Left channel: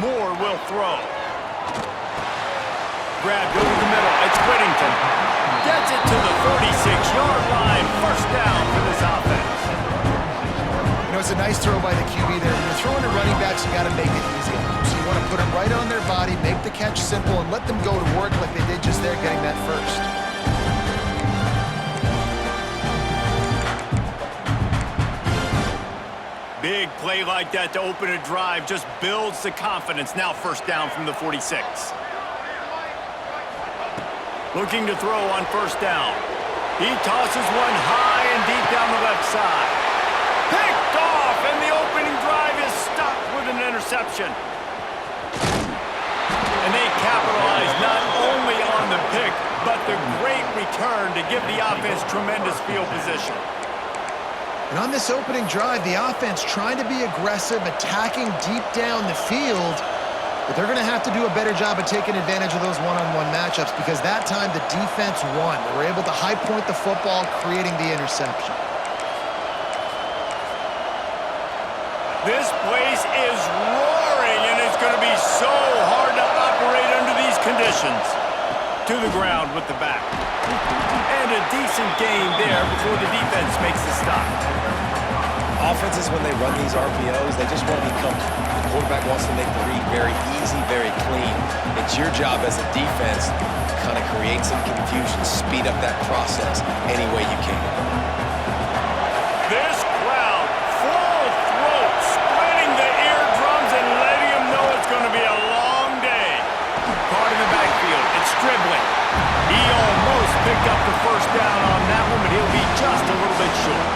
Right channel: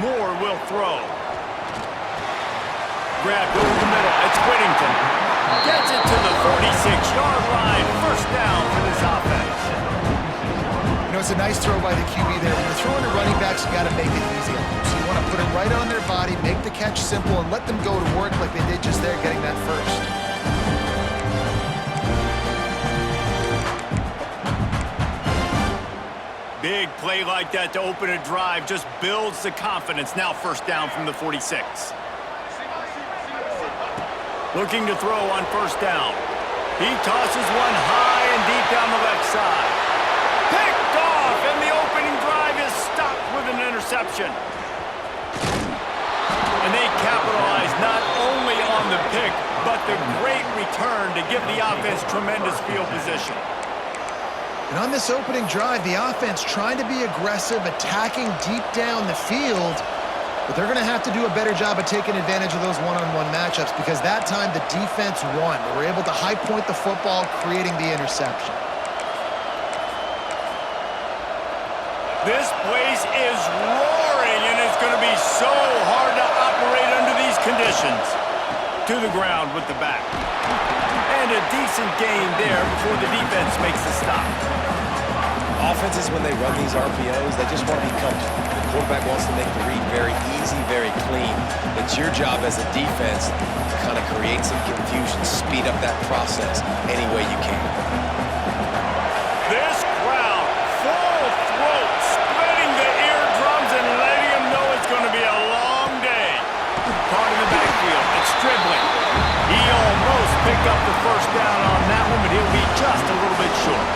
Moore will throw. Grabbed over the middle. It's Whittington. Gets it to the 46-yard line. First down for this offense. You know, it's a nice throw by the QB there. When you're throwing to running backs, you got to make it easy on them. So you want to put them right on their body, make the catch simple, and let them go to work like they did just there, getting that first. Big play like that to open a drive just builds the confidence. Now first down from the 46. Looking to throw on first down. He tosses one high and deep down the left side. Picked off, and the opening drive is stopped with an interception. And they capitalize not only on the pick, but the great return to give the offense tremendous field position. And on this opening drive, the offense trying to be aggressive, attacking deep down the field, but they're going to have to do a better job of taking advantage of those one-on-one matchups because that time the defense won. They were able to high point the football, creating the interception. This place is roaring, and it's going to be so hard to operate under these conditions. To the ground with the back. And a decent gain there before the defense makes the stop. Offenses, when they run these RPOs, they just want to be comfortable. The quarterback wants to make the read very easy, very clean. It's your job as a defense to kind of create some confusion, speed up that process any way you can. This crowd, full throat, splitting the eardrums and letting them know it's going to be a long day. Caught in the backfield, it's dribbling. He almost picked up the first down on that one, but he'll be just a little bit short.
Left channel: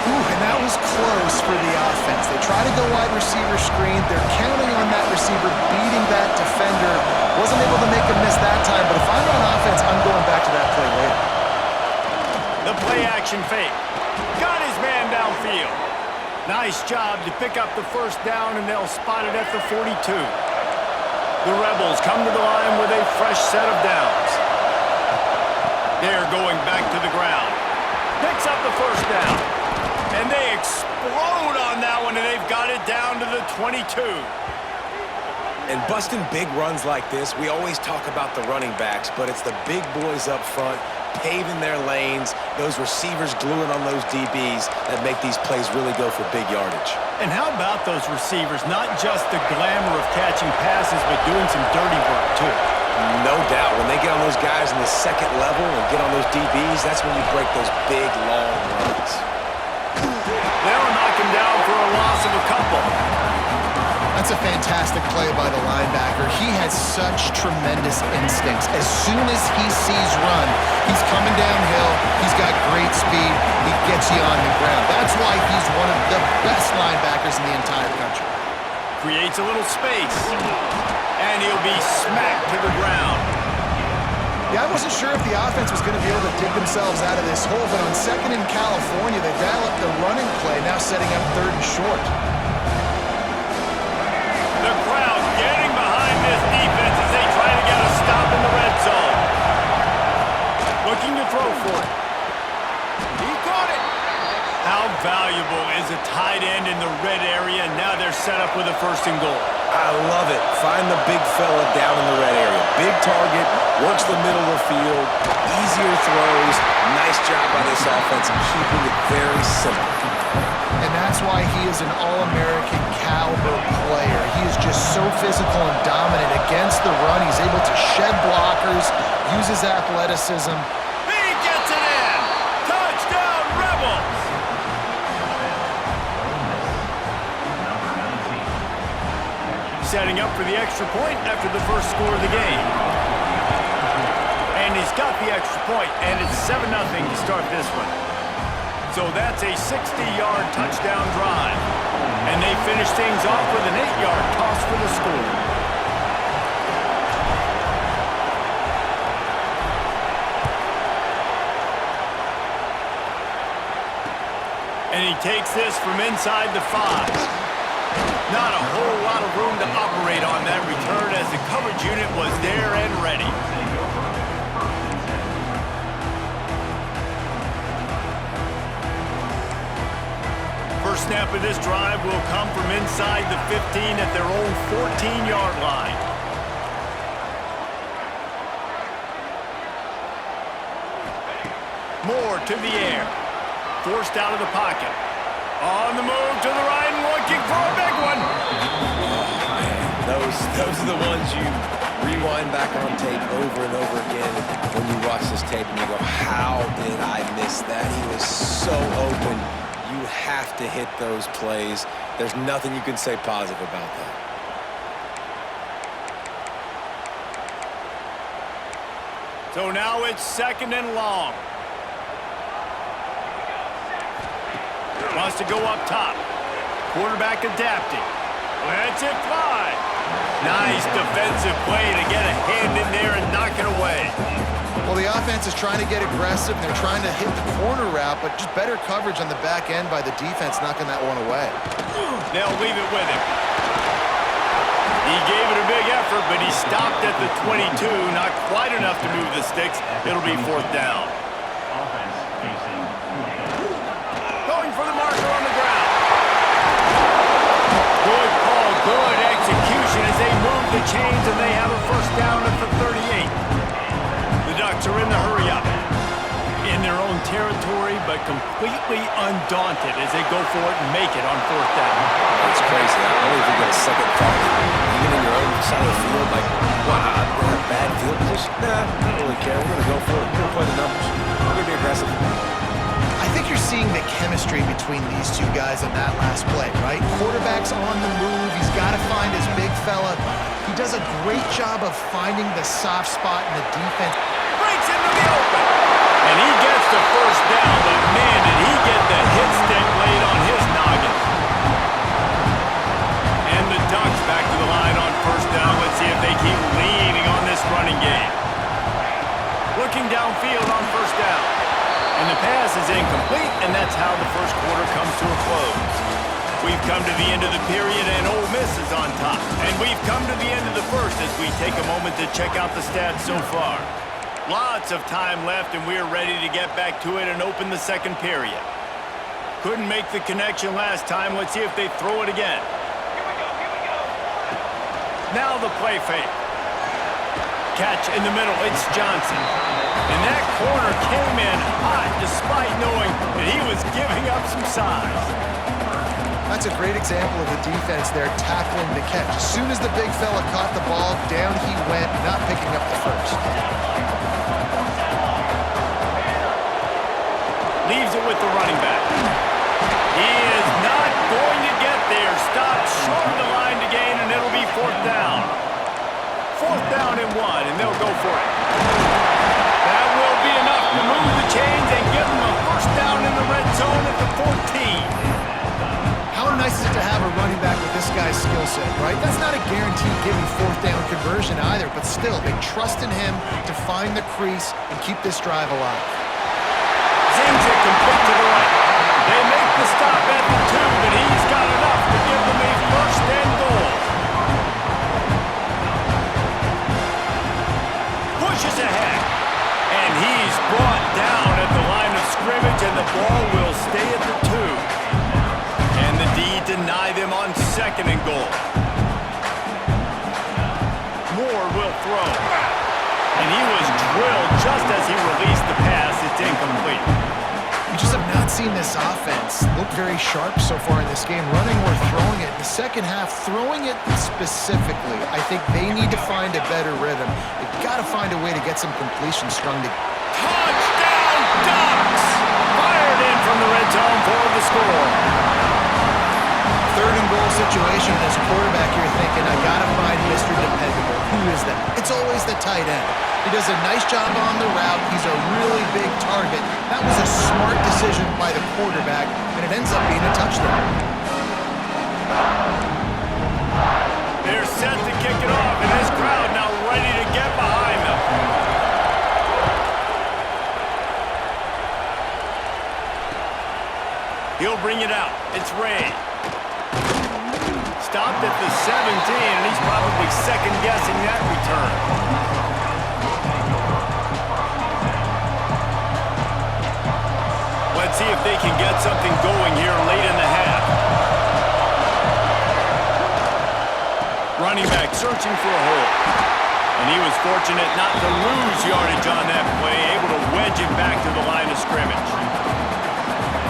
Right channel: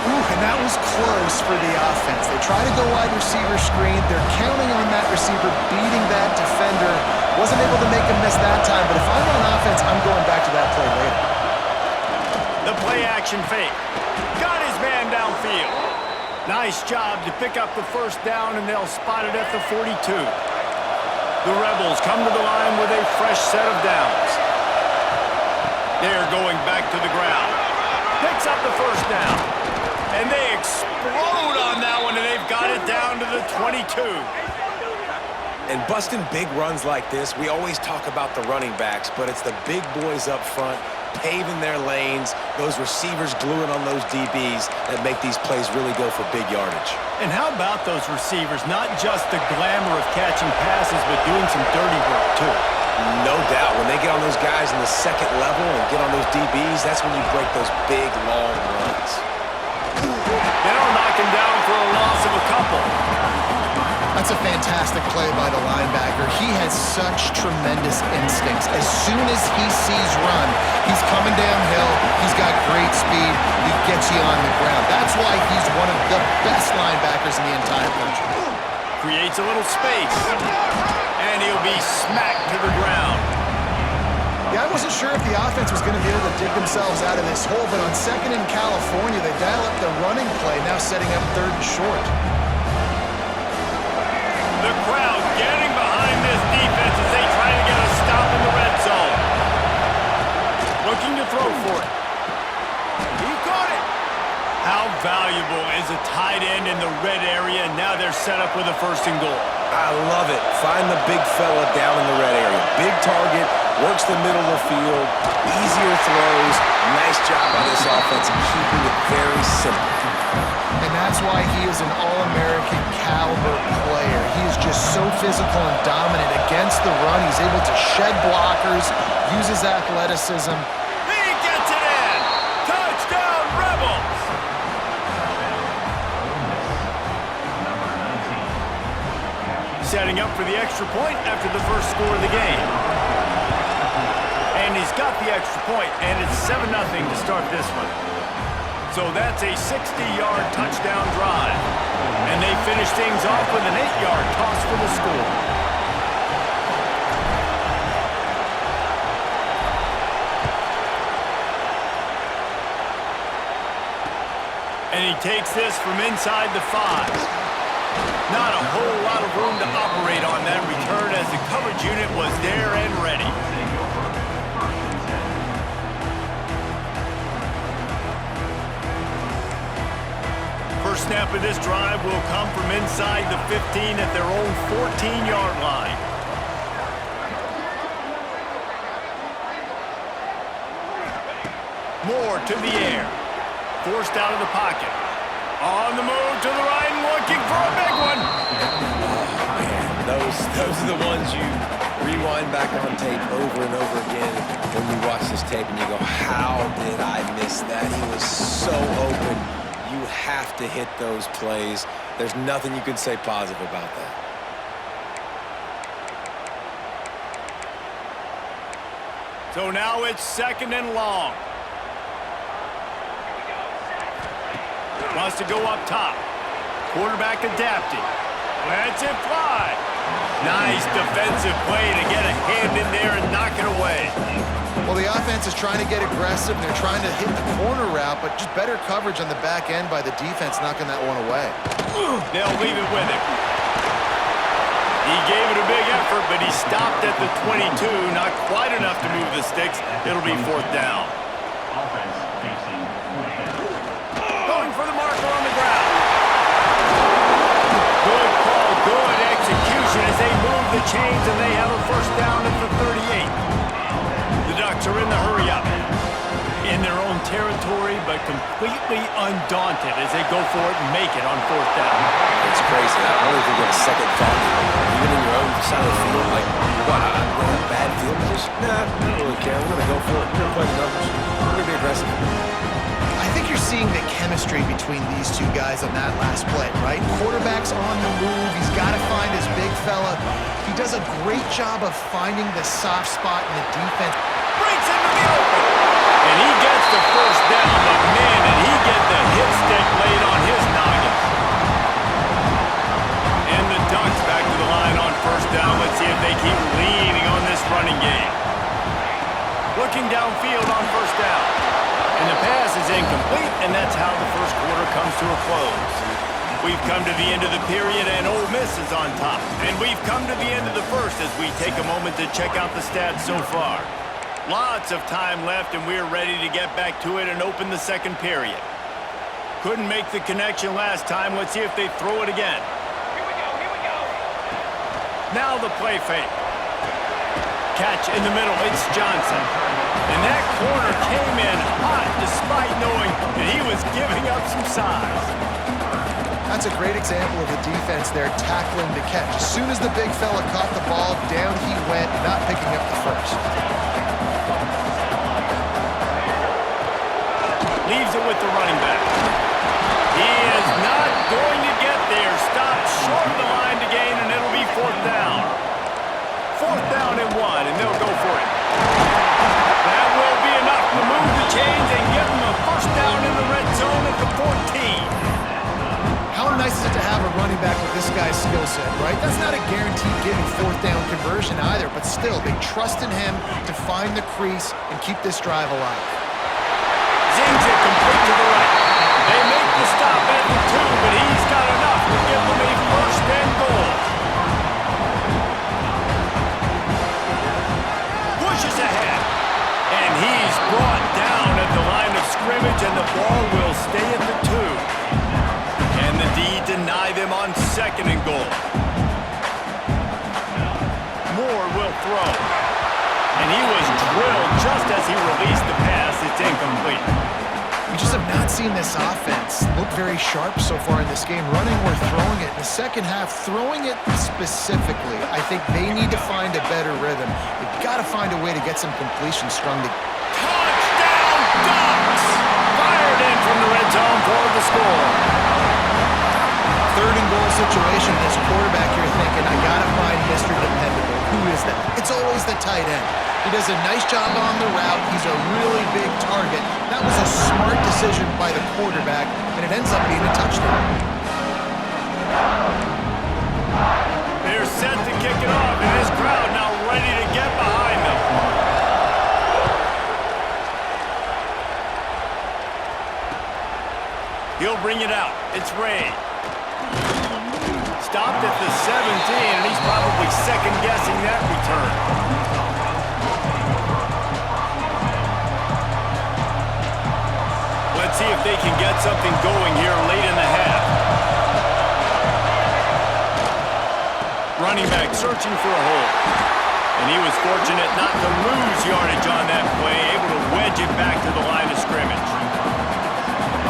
Ooh, and that was close for the offense. They try to go wide receiver screen. They're counting on that receiver beating that defender. Wasn't able to make him miss that time, but if I'm on offense, I'm going back to that play later. The play action fake. Got his man downfield. Nice job to pick up the first down, and they'll spot it at the 42. The Rebels come to the line with a fresh set of downs. They're going back to the ground. Picks up the first down. And they explode on that one, and they've got it down to the 22. And busting big runs like this, we always talk about the running backs, but it's the big boys up front, paving their lanes, those receivers gluing on those DBs that make these plays really go for big yardage. And how about those receivers? Not just the glamour of catching passes, but doing some dirty work, too. No doubt. When they get on those guys in the second level and get on those DBs, that's when you break those big, long runs. They don't knock him down for a loss of a couple. That's a fantastic play by the linebacker. He has such tremendous instincts. As soon as he sees run, he's coming downhill. He's got great speed. He gets you on the ground. That's why he's one of the best linebackers in the entire country. Creates a little space. And he'll be smacked to the ground. Yeah, I wasn't sure if the offense was going to be able to dig themselves out of this hole, but on second in California, they dial up the running play, now setting up third and short. The crowd getting behind this defense as they try to get a stop in the red zone. Looking to throw for it. He caught it. How valuable is a tight end in the red area? Now they're set up with a first and goal. I love it. Find the big fella down in the red area. Big target, works the middle of the field, easier throws. Nice job by this offense in keeping it very simple. And that's why he is an All-American caliber player. He is just so physical and dominant against the run. He's able to shed blockers, use his athleticism. He gets it in! Touchdown, Rebels! Setting up for the extra point after the first score of the game. And he's got the extra point, and it's 7-0 to start this one. So that's a 60-yard touchdown drive. And they finish things off with an 8-yard toss for the score. And he takes this from inside the 5. Not a whole lot of room to operate on that return as the coverage unit was there and ready. First snap of this drive will come from inside the 15 at their own 14-yard line. Moore to the air. Forced out of the pocket. On the move to the right and looking for a big one. Oh, man. Those are the ones you rewind back on tape over and over again when you watch this tape and you go, how did I miss that? He was so open. You have to hit those plays. There's nothing you can say positive about that. So now it's 2nd and long. Wants to go up top. Quarterback adapting. Lets it fly. Nice defensive play to get a hand in there and knock it away. Well, the offense is trying to get aggressive, and they're trying to hit the corner route, but just better coverage on the back end by the defense knocking that one away. They'll leave it with him. He gave it a big effort, but he stopped at the 22. Not quite enough to move the sticks. It'll be 4th down. Offense facing Going for the marker on the ground. Good call, good execution as they move the chains, and they have a 1st down at the 38. The Ducks are in the hurry-up. In their own territory, but completely undaunted as they go for it and make it on 4th down. It's crazy. I don't even get a second thought. Even in your own side of the field, like, what, I'm going to have bad field position? Nah, I don't really care. We're going to go for it. We're going to play the numbers. We're going to be aggressive. I think you're seeing the chemistry between these two guys on that last play, right? Quarterback's on the move. He's got to find his big fella. He does a great job of finding the soft spot in the defense. Breaks into the open. And he gets the 1st down, but man, did he get the hit stick laid on his noggin. And the Ducks back to the line on 1st down. Let's see if they keep leaning on this running game. Looking downfield on 1st down. And the pass is incomplete, and that's how the 1st quarter comes to a close. We've come to the end of the period, and Ole Miss is on top. And we've come to the end of the 1st as we take a moment to check out the stats so far. Lots of time left, and we're ready to get back to it and open the 2nd period. Couldn't make the connection last time. Let's see if they throw it again. Here we go. Now the play fake. Catch in the middle. It's Johnson. And that corner came in hot despite knowing that he was giving up some size. That's a great example of the defense there tackling the catch. As soon as the big fella caught the ball, down he went, not picking up the 1st. Leaves it with the running back. He is not going to get there. Stopped short of the line to gain, and it'll be 4th down. 4th down and 1, and they'll go for it. That will be enough to move the chains and give them a 1st down in the red zone at the 14. How nice is it to have a running back with this guy's skill set, right? That's not a guaranteed gimme 4th down conversion either, but still, they trust in him to find the crease and keep this drive alive. Zings it complete to the right. They make the stop at the 2, but he's got enough to give them a 1st and goal. Pushes ahead. And he's brought down at the line of scrimmage, and the ball will stay at the 2. Can the D deny them on 2nd and goal? Moore will throw. And he was drilled just as he released the pass. It's incomplete. We just have not seen this offense look very sharp so far in this game, running or throwing it. In the 2nd half, throwing it specifically, I think they need to find a better rhythm. They've got to find a way to get some completion strung together. Touchdown, Ducks! Fired in from the red zone for the score. 3rd and goal situation, and as a quarterback, you're thinking, I got to find Mr. Dependable. Who is that? It's always the tight end. He does a nice job on the route. He's a really big target. That was a smart decision by the quarterback, and it ends up being a touchdown. They're set to kick it off, and this crowd now ready to get behind them. He'll bring it out. It's Ray. Stopped at the 17, and he's probably second-guessing that return. see if they can get something going here late in the half. Running back searching for a hole. And he was fortunate not to lose yardage on that play, able to wedge it back to the line of scrimmage.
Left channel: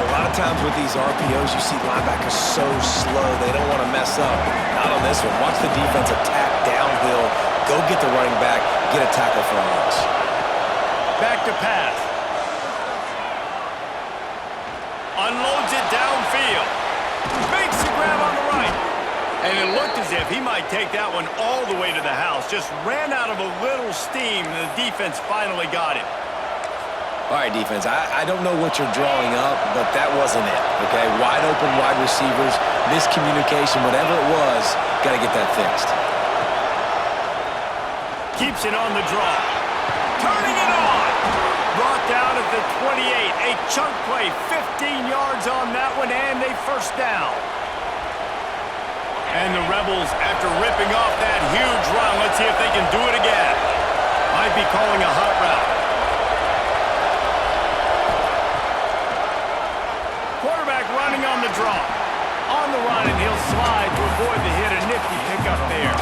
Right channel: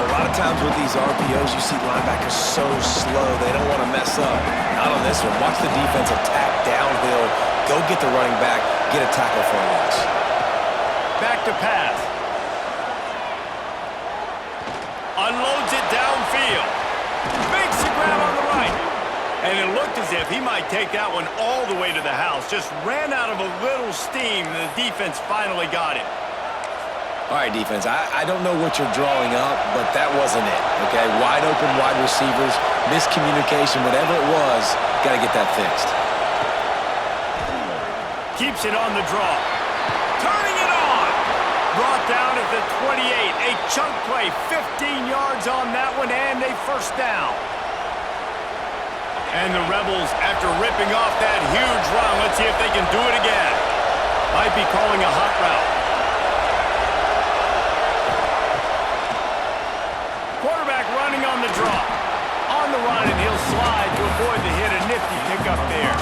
A lot of times with these RPOs, you see linebackers so slow, they don't want to mess up. Not on this one. Watch the defense attack downhill, go get the running back, get a tackle for a loss. Back to pass. Unloads it downfield. Makes the grab on the right. And it looked as if he might take that one all the way to the house. Just ran out of a little steam, and the defense finally got him. All right, defense, I don't know what you're drawing up, but that wasn't it, okay? Wide open wide receivers, miscommunication, whatever it was, got to get that fixed. Keeps it on the draw. Turning it on. Brought down at the 28. A chunk play, 15 yards on that one, and a first down. And the Rebels, after ripping off that huge run, let's see if they can do it again. Might be calling a hot route. Quarterback running on the draw. On the run, and he'll slide to avoid the hit. A nifty pickup there.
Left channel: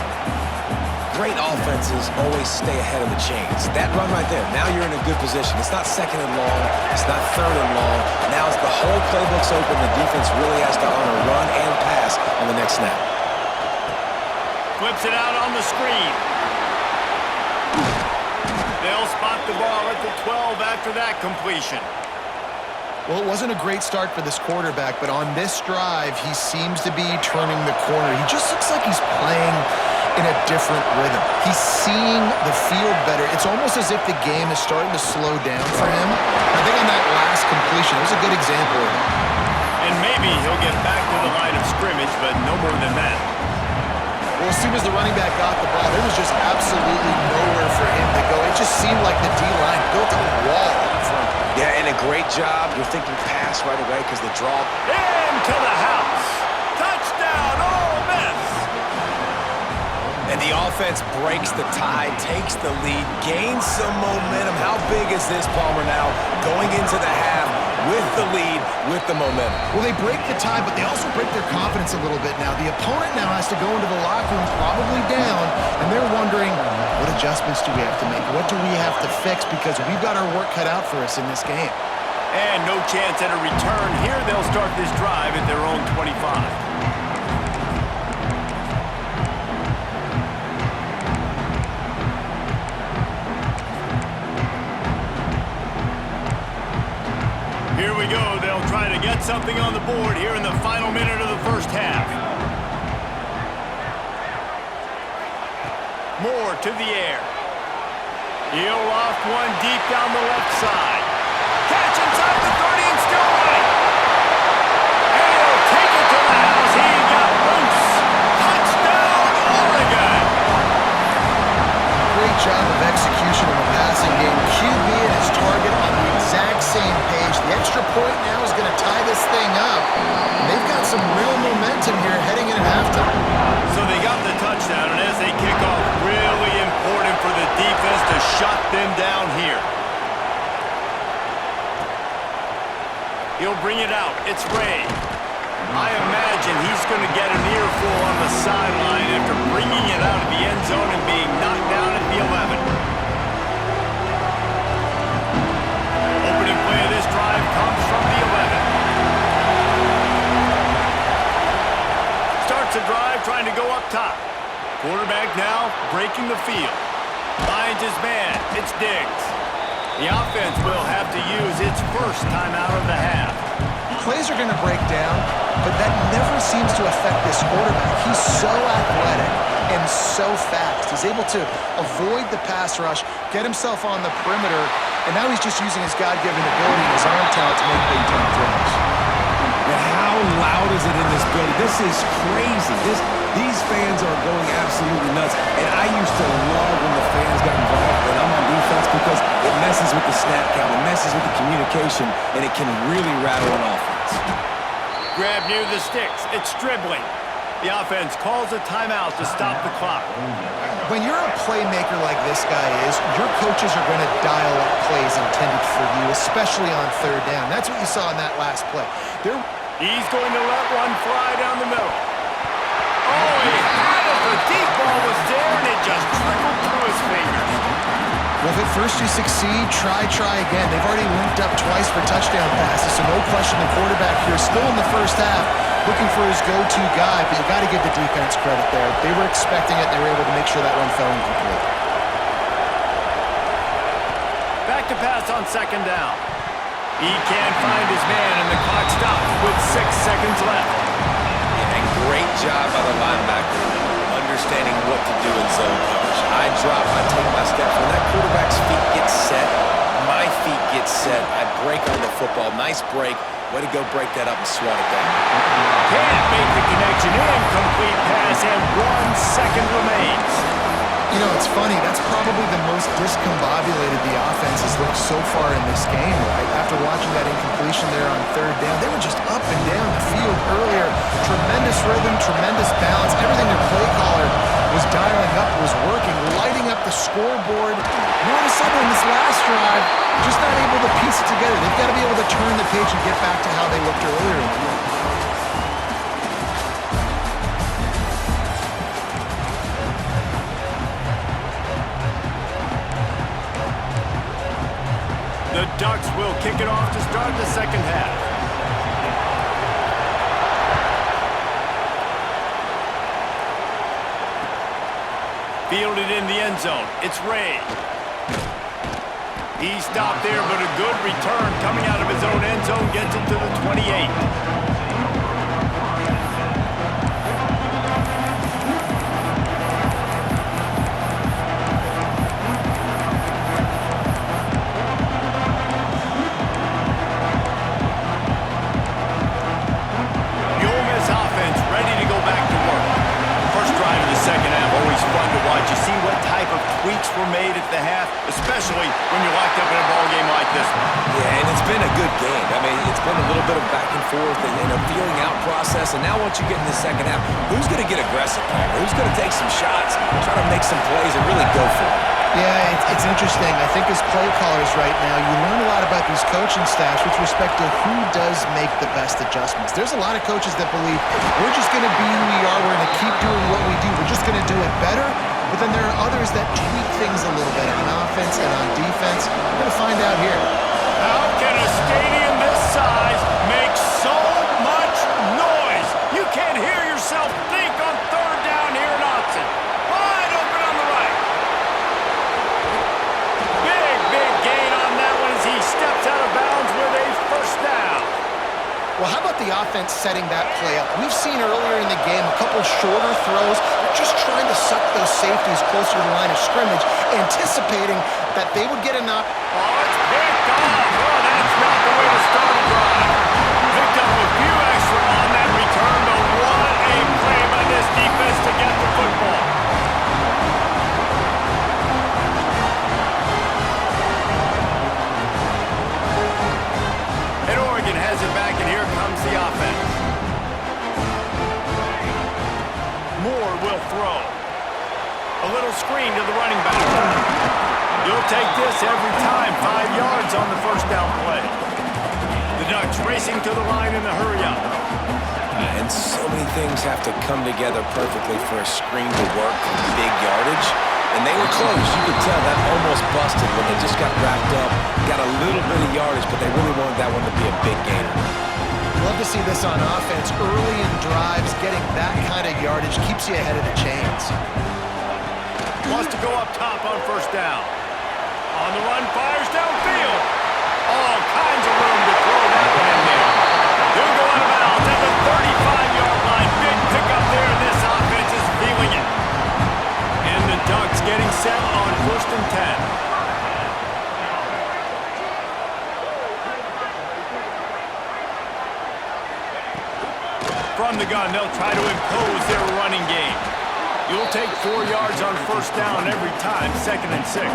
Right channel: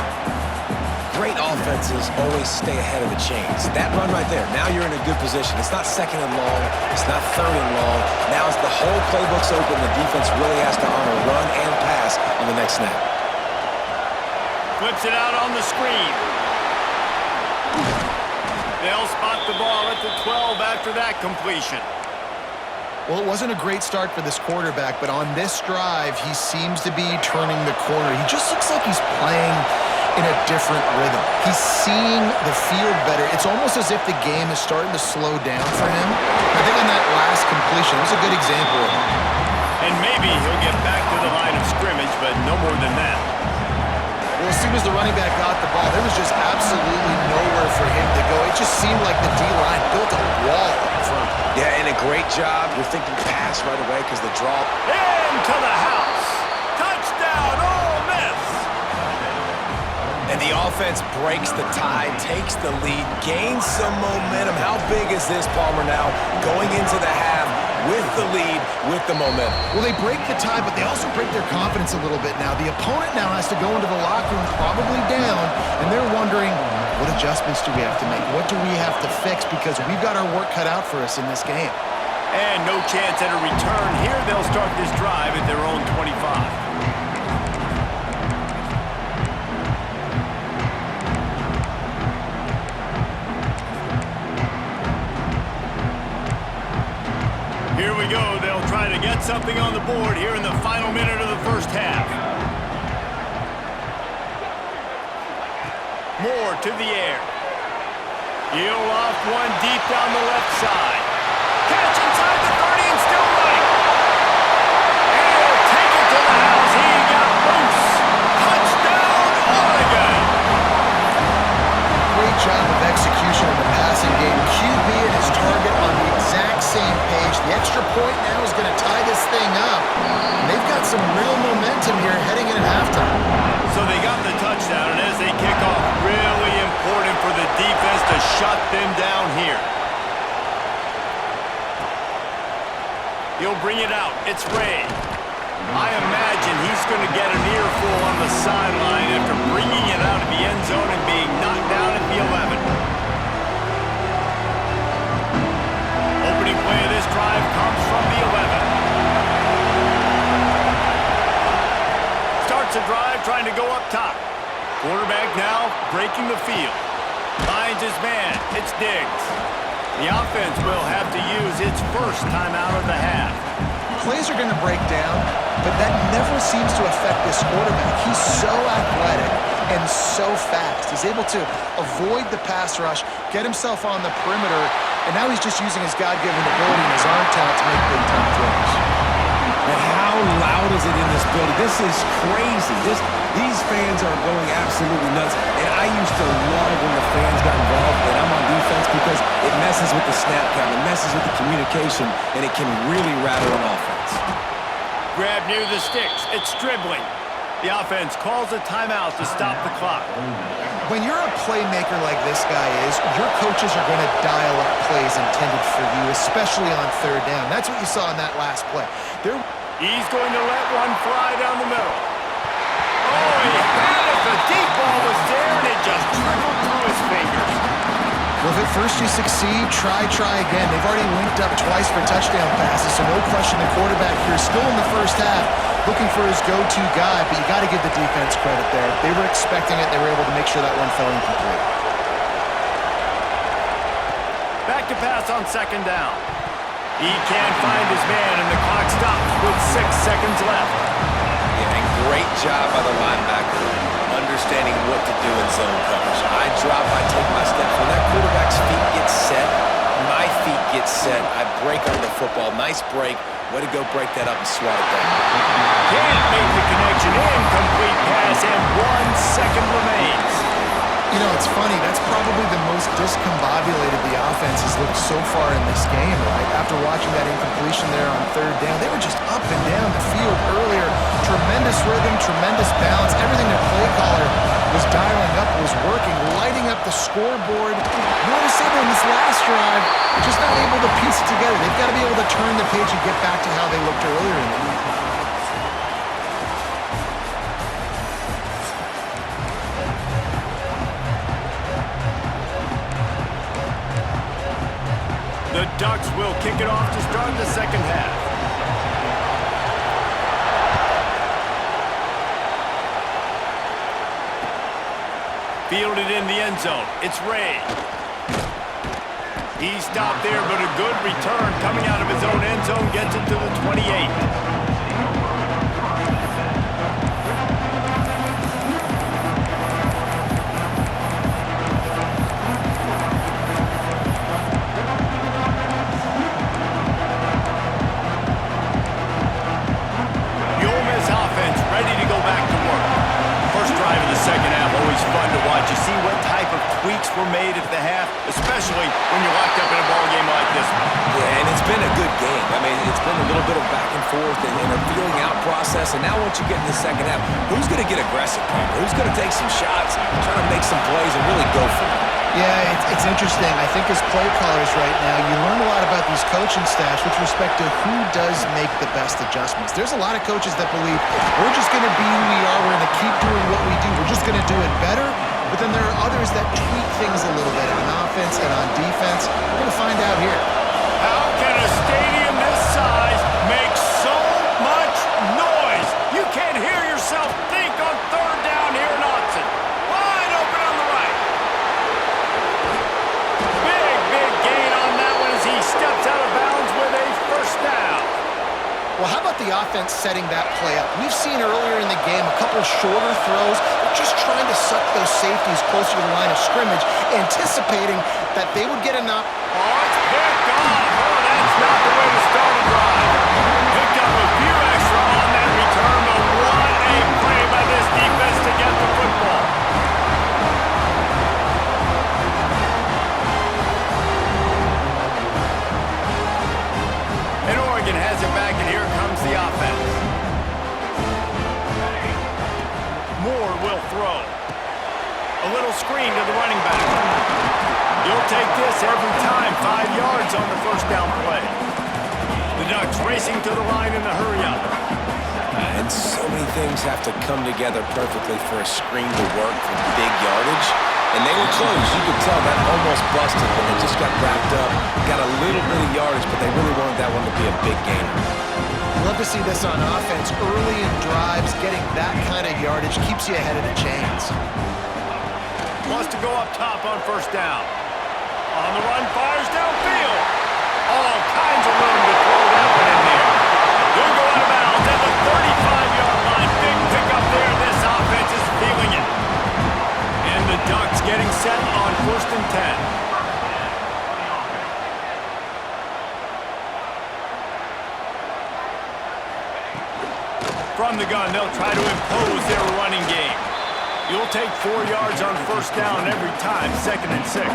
Great offenses always stay ahead of the chains. That run right there, now you're in a good position. It's not second and long. It's not third and long. Now it's the whole playbook's open. The defense really has to honor run and pass on the next snap. Flips it out on the screen. They'll spot the ball at the 12 after that completion. Well, it wasn't a great start for this quarterback, but on this drive, he seems to be turning the corner. He just looks like he's playing in a different rhythm. He's seeing the field better. It's almost as if the game is starting to slow down for him. I think on that last completion, it was a good example of it. And maybe he'll get back to the line of scrimmage, but no more than that. Well, as soon as the running back got the ball, there was just absolutely nowhere for him to go. It just seemed like the D-line built a wall up front. Yeah, and a great job. You're thinking pass right away because the draw. Into the house. Touchdown, Ole Miss. And the offense breaks the tie, takes the lead, gains some momentum. How big is this, Palmer, now going into the half with the lead, with the momentum? Well, they break the tie, but they also break their confidence a little bit now. The opponent now has to go into the locker room probably down, and they're wondering, what adjustments do we have to make? What do we have to fix? Because we've got our work cut out for us in this game. And no chance at a return here. They'll start this drive at their own 25. Here we go. They'll try to get something on the board here in the final minute of the first half. Moore to the air. He'll loft one deep down the left side. Catch inside the 30 and still running. And he'll take it to the house. He got loose. Touchdown, Oregon. Great job of execution in the passing game. QB and his target on the exact same page. The extra point now is going to tie this thing up. And they've got some real momentum here heading in at halftime. So they got the touchdown, and as they kick off, really important for the defense to shut them down here. He'll bring it out. It's Ray. I imagine he's going to get an earful on the sideline after bringing it out of the end zone and being knocked down at the 11. Opening play of this drive comes from the 11. Starts a drive trying to go up top. Quarterback now breaking the field. Finds his man. It's Diggs. The offense will have to use its first timeout of the half. Plays are going to break down, but that never seems to affect this quarterback. He's so athletic and so fast. He's able to avoid the pass rush, get himself on the perimeter, and now he's just using his God-given ability and his arm talent to make big-time throws. And how loud is it in this building? This is crazy. These fans are going absolutely nuts. And I used to love when the fans got involved when I'm on defense because it messes with the snap count, it messes with the communication, and it can really rattle an offense. Grab near the sticks. It's dribbling. The offense calls a timeout to stop the clock. When you're a playmaker like this guy is, your coaches are going to dial up plays intended for you, especially on third down. That's what you saw in that last play. He's going to let one fly down the middle. Oh, he had it. The deep ball was there, and it just trickled through his fingers. Well, if at first you succeed, try again. They've already linked up twice for touchdown passes, so no question the quarterback here still in the first half looking for his go-to guy, but you got to give the defense credit there. They were expecting it. They were able to make sure that one fell incomplete. Back to pass on second down. He can't find his man, and the clock stops with 6 seconds left. Yeah, and great job by the linebacker understanding what to do in zone coverage. I drop, I take my steps. When that quarterback's feet get set, my feet get set. I break on the football. Nice break. Way to go break that up and swat it down. Can't make the connection. Incomplete pass, and 1 second remains. You know, it's funny. That's probably the most discombobulated the offense has looked so far in this game, right? After watching that incompletion there on third down, they were just up and down the field earlier. Tremendous rhythm, tremendous balance. Everything their play caller was dialing up was working, lighting up the scoreboard. And all of a sudden, in this last drive, just not able to piece it together. They've got to be able to turn the page and get back to how they looked earlier in the game. The Ducks will kick it off to start the second half. Fielded in the end zone. It's Ray. He stopped there, but a good return coming out of his own end zone gets it to the 28. Ready to go back to work. First drive of the second half, always fun to watch. You see what type of tweaks were made at the half, especially when you're locked up in a ball game like this one. Yeah, and it's been a good game. I mean, it's been a little bit of back and forth and a feeling out process. And now once you get in the second half, who's going to get aggressive, Palmer? Who's going to take some shots, try to make some plays, and really go for it? Yeah, it's interesting. I think as play callers right now, you learn a lot about these coaching staffs with respect to who does make the best adjustments. There's a lot of coaches that believe we're just going to be who we are. We're going to keep doing what we do. We're just going to do it better. But then there are others that tweak things a little bit on offense and on defense. We're going to find out here. How can a stadium this size make so much noise? You can't hear yourself think on third down here in Austin. Wide open on the right. Big gain on that one as he steps out of bounds with a first down. Well, how about the offense setting that play up? We've seen earlier in the game a couple shorter throws. They're just trying to suck those safeties closer to the line of scrimmage, anticipating that they would get enough. Oh, it's picked off. Oh, that's not the way to start a drive. Picked up a few extra on that return, but what a play by this defense to get the football. And Oregon has it back, and here comes the offense. Moore will throw. A little screen to the running back. You'll take this every time. 5 yards on the first down play. The Ducks racing to the line in the hurry-up. And so many things have to come together perfectly for a screen to work for big yardage. And they were close. You could tell that almost busted when they just got wrapped up, got a little bit of yardage, but they really wanted that one to be a big gainer. Love to see this on offense. Early in drives, getting that kind of yardage keeps you ahead of the chains. Wants to go up top on first down. On the run, fires downfield. All kinds of room to throw that one in there. He'll go out of bounds at the 35-yard line. Big pickup there. This offense is feeling it. And the Ducks getting set on 1st and 10. From the gun, they'll try to impose their running game. You'll take 4 yards on first down every time, 2nd and 6.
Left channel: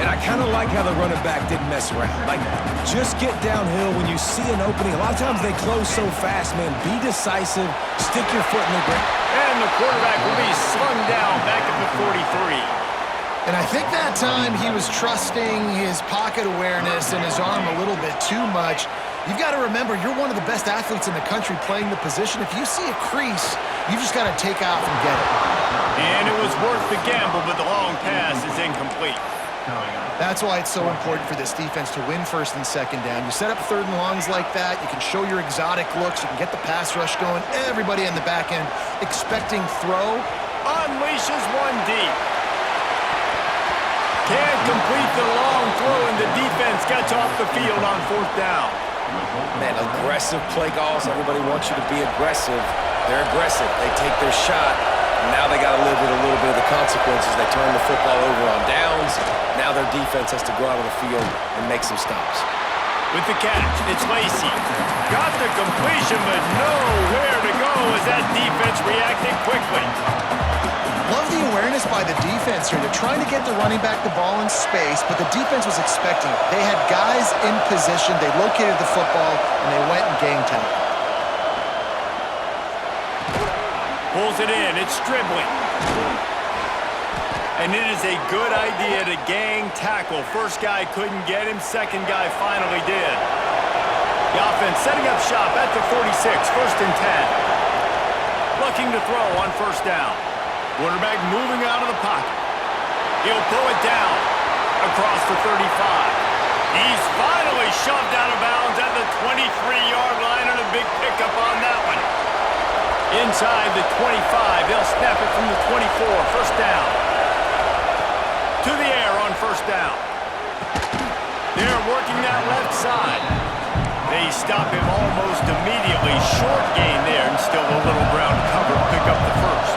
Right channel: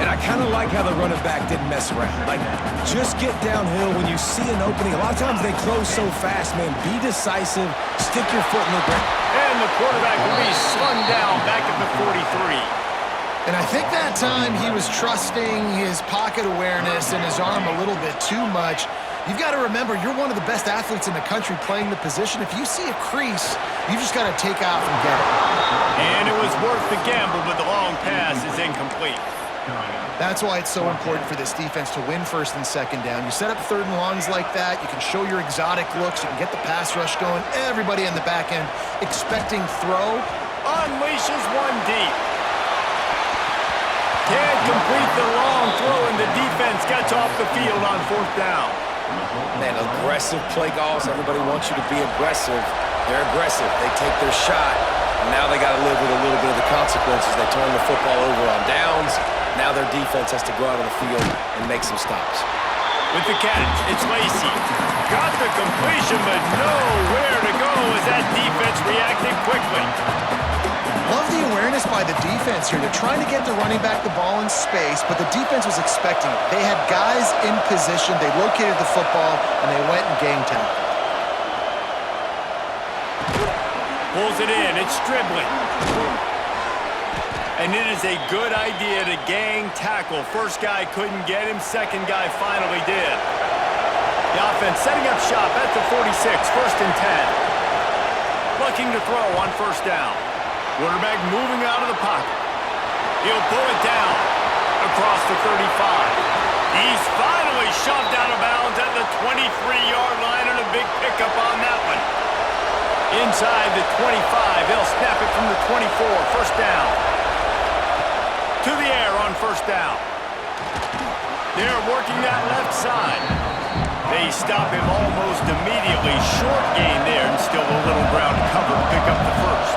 And I kind of like how the running back didn't mess around. Like, just get downhill when you see an opening. A lot of times they close so fast, man. Be decisive. Stick your foot in the ground. And the quarterback will be slung down back at the 43. And I think that time he was trusting his pocket awareness and his arm a little bit too much. You've got to remember, you're one of the best athletes in the country playing the position. If you see a crease, you just got to take off and get it. And it was worth the gamble, but the long pass is incomplete. That's why it's so important for this defense to win first and second down. You set up third and longs like that, you can show your exotic looks, you can get the pass rush going, everybody in the back end expecting throw. Unleashes one deep. Can't complete the long throw, and the defense gets off the field on fourth down. Man, aggressive play calls. Everybody wants you to be aggressive. They're aggressive. They take their shot. Now they got to live with a little bit of the consequences. They turn the football over on downs. Now their defense has to go out on the field and make some stops. With the catch, it's Lacey. Got the completion, but nowhere to go as that defense reacted quickly. Love the awareness by the defense here. They're trying to get the running back the ball in space, but the defense was expecting it. They had guys in position. They located the football, and they went and gang tackled. Pulls it in. It's Stribling. And it is a good idea to gang tackle. First guy couldn't get him. Second guy finally did. The offense setting up shop at the 46. First and 10. Looking to throw on first down. Quarterback moving out of the pocket. He'll pull it down across the 35. He's finally shoved out of bounds at the 23-yard line, and a big pickup on that one. Inside the 25, they'll snap it from the 24. First down. To the air on first down. They're working that left side. They stop him almost immediately. Short gain there, and still a little ground to cover to pick up the first.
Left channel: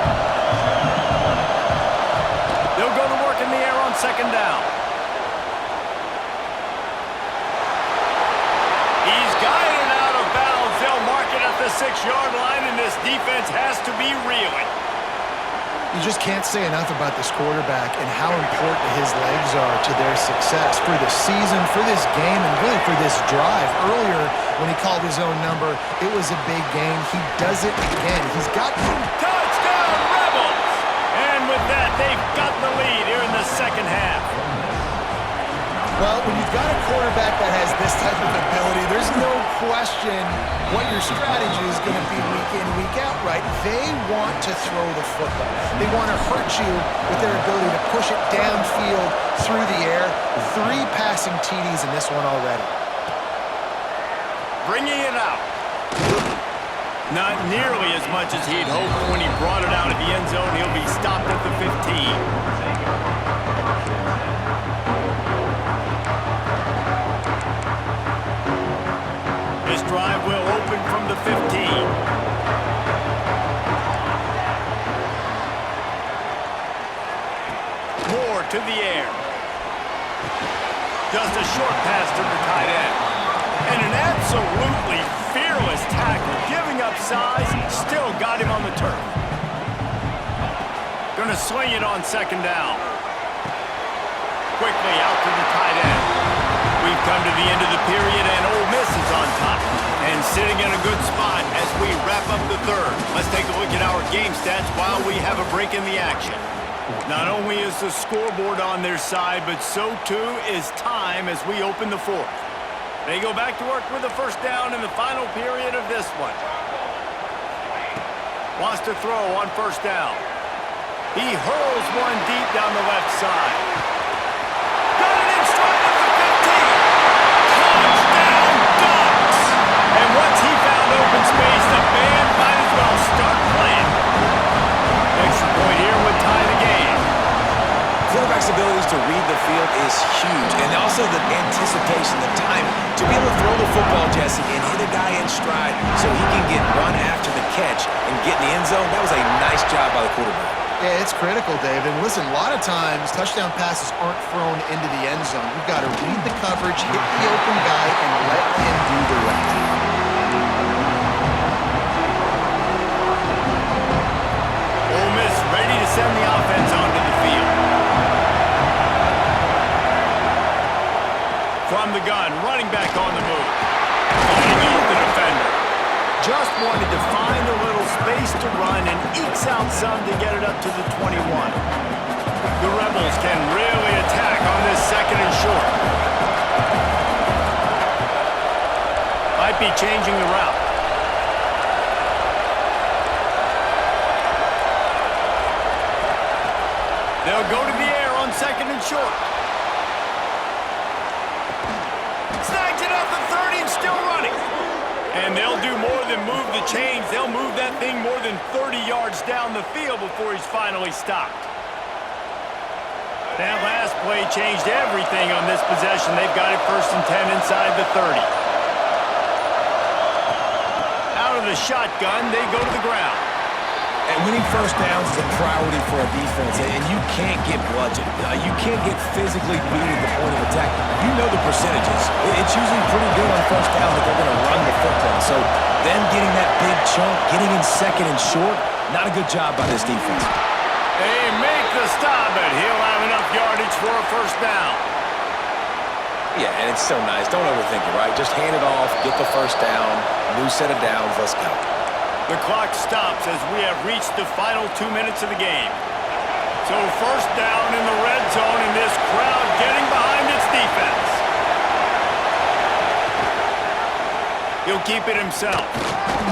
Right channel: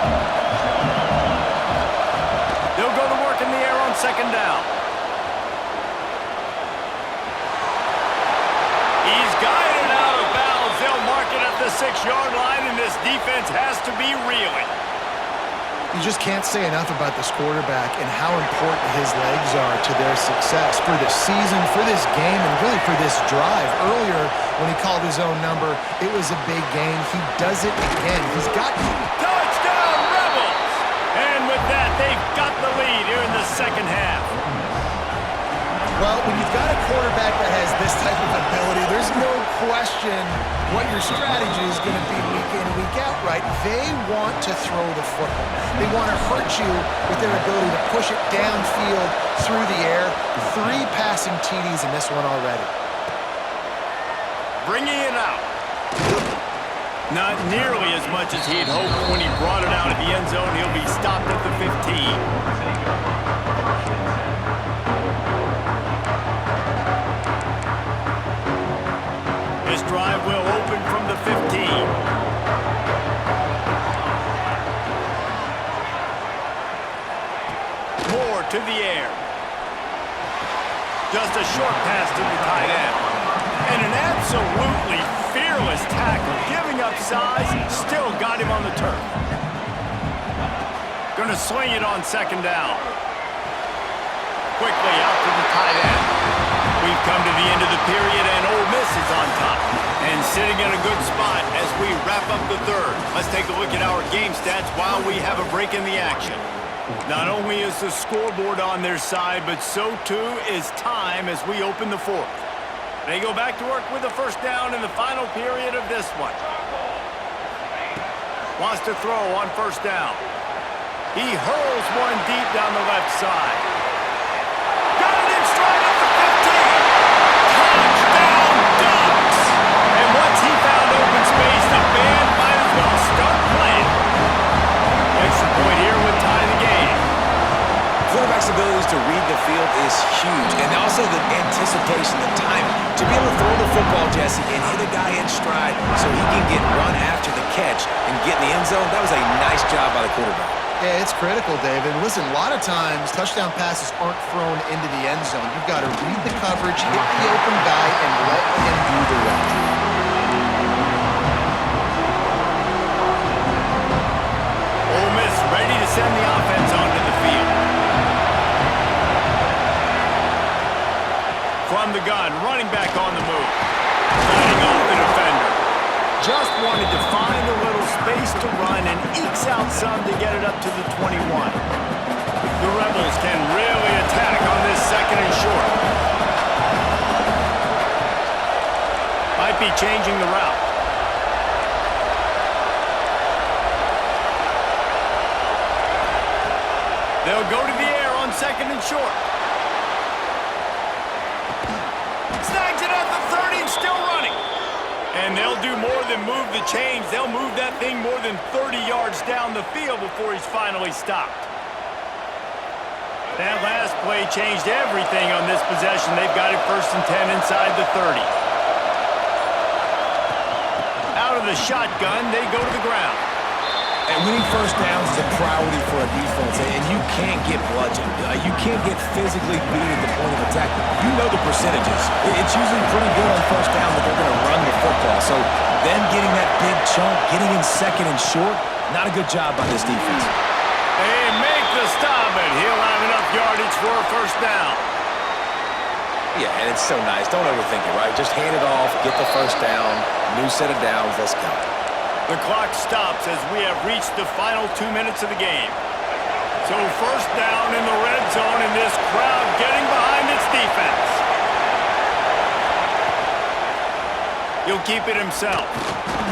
They'll go to work in the air on second down. He's guided out of bounds. They'll mark it at the 6-yard line, and this defense has to be reeling. You just can't say enough about this quarterback and how important his legs are to their success for this season, for this game, and really for this drive. Earlier, when he called his own number, it was a big gain. He does it again. He's got... Touchdown, Rebels! And with that, they've got the lead here in the second half. Well, when you've got a quarterback that has this type of ability, there's no question what your strategy is going to be week in, week out, right? They want to throw the football. They want to hurt you with their ability to push it downfield through the air. 3 passing TDs in this one already. Bringing it out. Not nearly as much as he'd hoped. When he brought it out of the end zone, he'll be stopped at the 15. This drive will open from the 15. Moore to the air. Just a short pass to the tight end. And an absolutely fearless tackle, giving up size, still got him on the turf. Gonna swing it on second down. Quickly out to the tight end. We've come to the end of the period, and Ole Miss is on top. And sitting in a good spot as we wrap up the third. Let's take a look at our game stats while we have a break in the action. Not only is the scoreboard on their side, but so too is time as we open the fourth. They go back to work with a first down in the final period of this one. Wants to throw on first down. He hurls one deep down the left side. Got it in stride at the 15. Touchdown Ducks! And once he found open space, the band might as well start playing. Extra point here would tie the game. Quarterback's abilities to read the field is huge, and also the anticipation, the timing. To be able to throw the football, Jesse, and hit a guy in stride so he can get run after the catch and get in the end zone, that was a nice job by the quarterback. Yeah, it's critical, Dave. And listen, a lot of times touchdown passes aren't thrown into the end zone. You've got to read the coverage, hit the open guy, and let him do the rest. Ole Miss ready to send the offense onto the field. from the gun, running back on the move. Fighting off the defender. Just wanted to find a little space to run and ekes out some to get it up to the 21. The Rebels can really attack on this second and short. Might be changing the route. They'll go to the air on second and short. Snags it at the 30 and still running. And they'll do more than move the chains. They'll move that thing more than 30 yards down the field before he's finally stopped. That last play changed everything on this possession. They've got it 1st and 10 inside the 30. Out of the shotgun, they go to the ground. And winning first downs is a priority for a defense, and you can't get bludgeoned. You can't get physically beat at the point of attack. You know the percentages. It's usually pretty good on first down that they're going to run the football. So them getting that big chunk, getting in second and short, not a good job by this defense. They make the stop, but he'll have enough yardage for a first down. Yeah, and it's so nice. Don't overthink it, right? Just hand it off, get the first down, new set of downs, let's go. The clock stops as we have reached the final 2 minutes of the game. So first down in the red zone, and this crowd getting behind its defense. He'll keep it himself.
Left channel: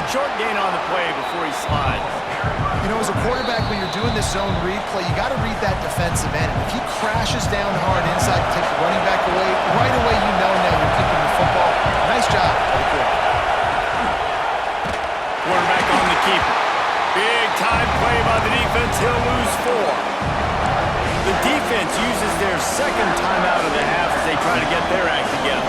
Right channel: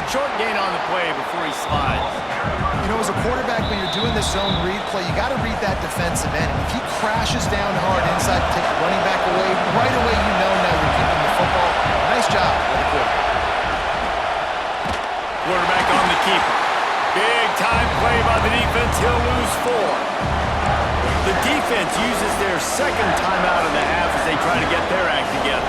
Short gain on the play before he slides. You know, as a quarterback, when you're doing this zone read play, you got to read that defensive end. And if he crashes down hard inside to take the running back away, right away you know now you're keeping the football. Nice job by the quarterback. Quarterback on the keeper. Big time play by the defense. He'll lose 4. The defense uses their second timeout of the half as they try to get their act together.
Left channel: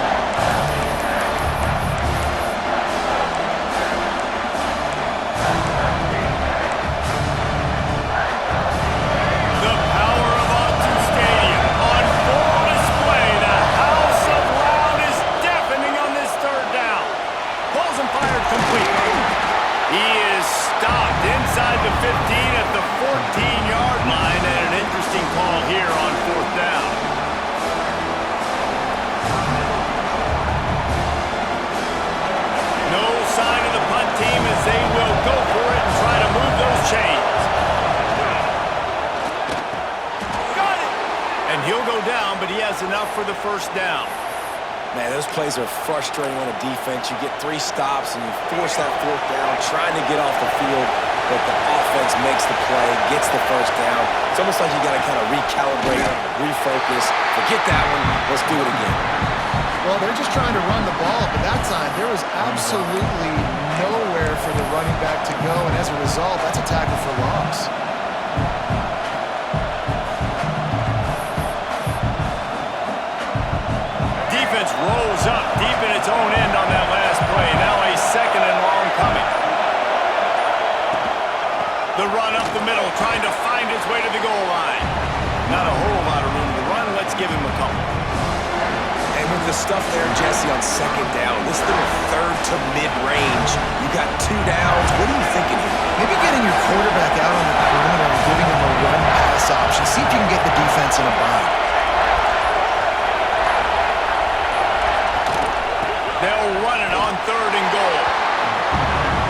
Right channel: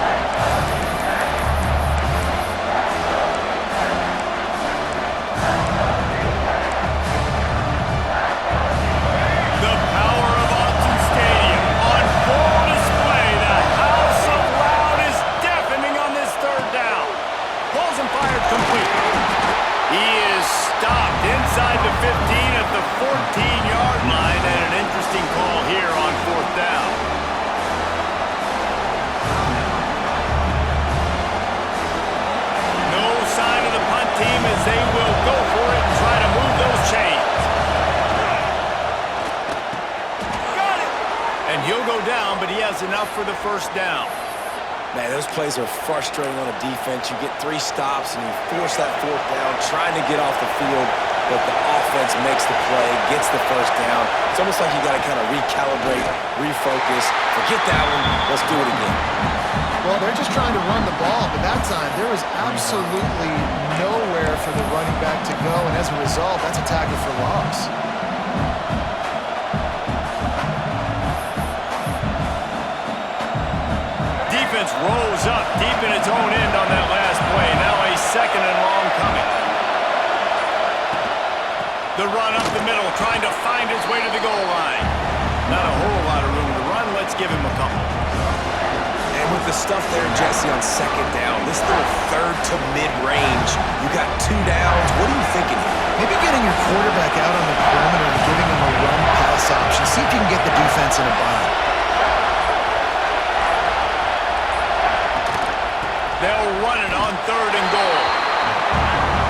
The power of Autzen Stadium on full display. The house of loud is deafening on this third down. Pulls and fired complete. He is stopped inside the 15 at the 14-yard line, and an interesting call here on 4th down. No sign of the punt team as they will go for it and try to move those chains. Got it! And he'll go down, but he has enough for the first down. Man, those plays are frustrating on a defense. You get 3 stops and you force that 4th down, trying to get off the field, but the offense makes the play, gets the first down. It's almost like you got to kind of recalibrate, refocus. Forget that one. Let's do it again. Well, they're just trying to run the ball, but that time there was absolutely nowhere for the running back to go, and as a result, that's a tackle for loss. Defense rose up deep in its own end on that last play. Now a 2nd and long coming. The run up the middle, trying to find his way to the goal line. Not a whole lot of room to run. Let's give him a couple. And with the stuff there, Jesse, on 2nd down, this little 3rd to mid-range, you got 2 downs. What are you thinking here? Maybe getting your quarterback out on the perimeter and giving him a run-pass option. See if you can get the defense in a bind. They'll run it on 3rd and goal.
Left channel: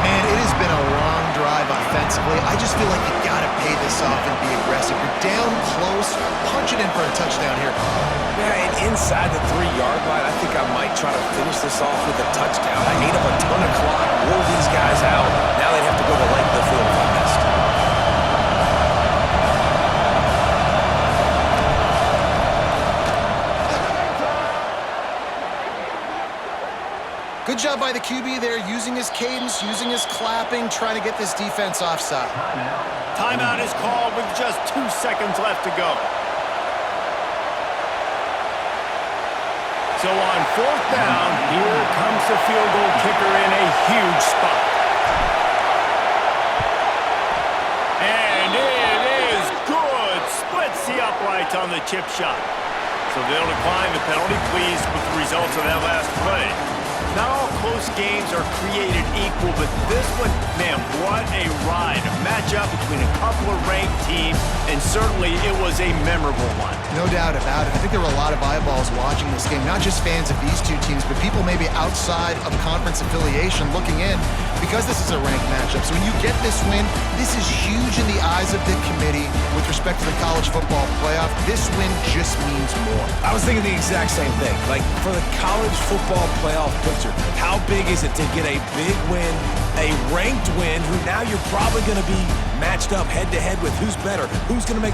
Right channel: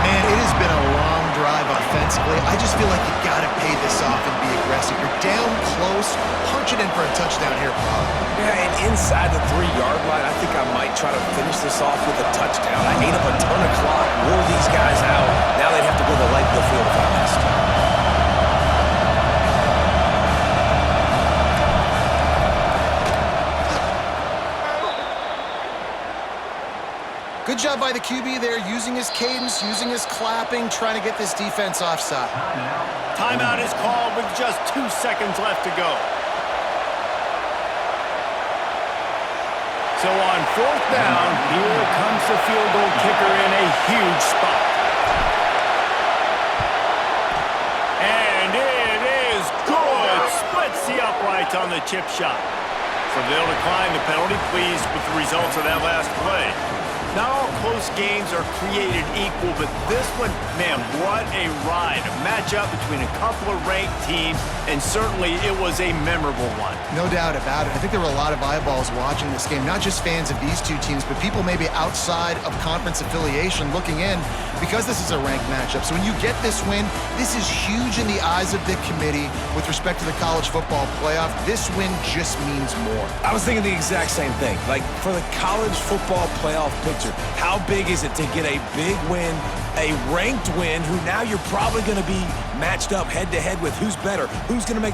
Man, it has been a long drive offensively. I just feel like you got to pay this off and be aggressive. You're down close. Punch it in for a touchdown here, Paul. Yeah, and inside the 3-yard line, I think I might try to finish this off with a touchdown. I ate up a ton of clock, wore these guys out. Now they'd have to go the length of the field if I missed. Good job by the QB there, using his cadence, using his clapping, trying to get this defense offside. Timeout is called with just 2 seconds left to go. So on 4th down, here comes the field goal kicker in a huge spot. And it is good. Splits the uprights on the chip shot. So they'll decline the penalty, pleased with the results of that last play. Not all close games are created equal, but this one Man, what a ride. A matchup between a couple of ranked teams, and certainly it was a memorable one. No doubt about it. I think there were a lot of eyeballs watching this game, not just fans of these two teams, but people maybe outside of conference affiliation looking in because this is a ranked matchup. So when you get this win, this is huge in the eyes of the committee with respect to the college football playoff. This win just means more. I was thinking the exact same thing. Like, for the college football playoff picture, how big is it to get a big win, a ranked win, who now you're probably going to be matched up head-to-head with who's better, who's going to make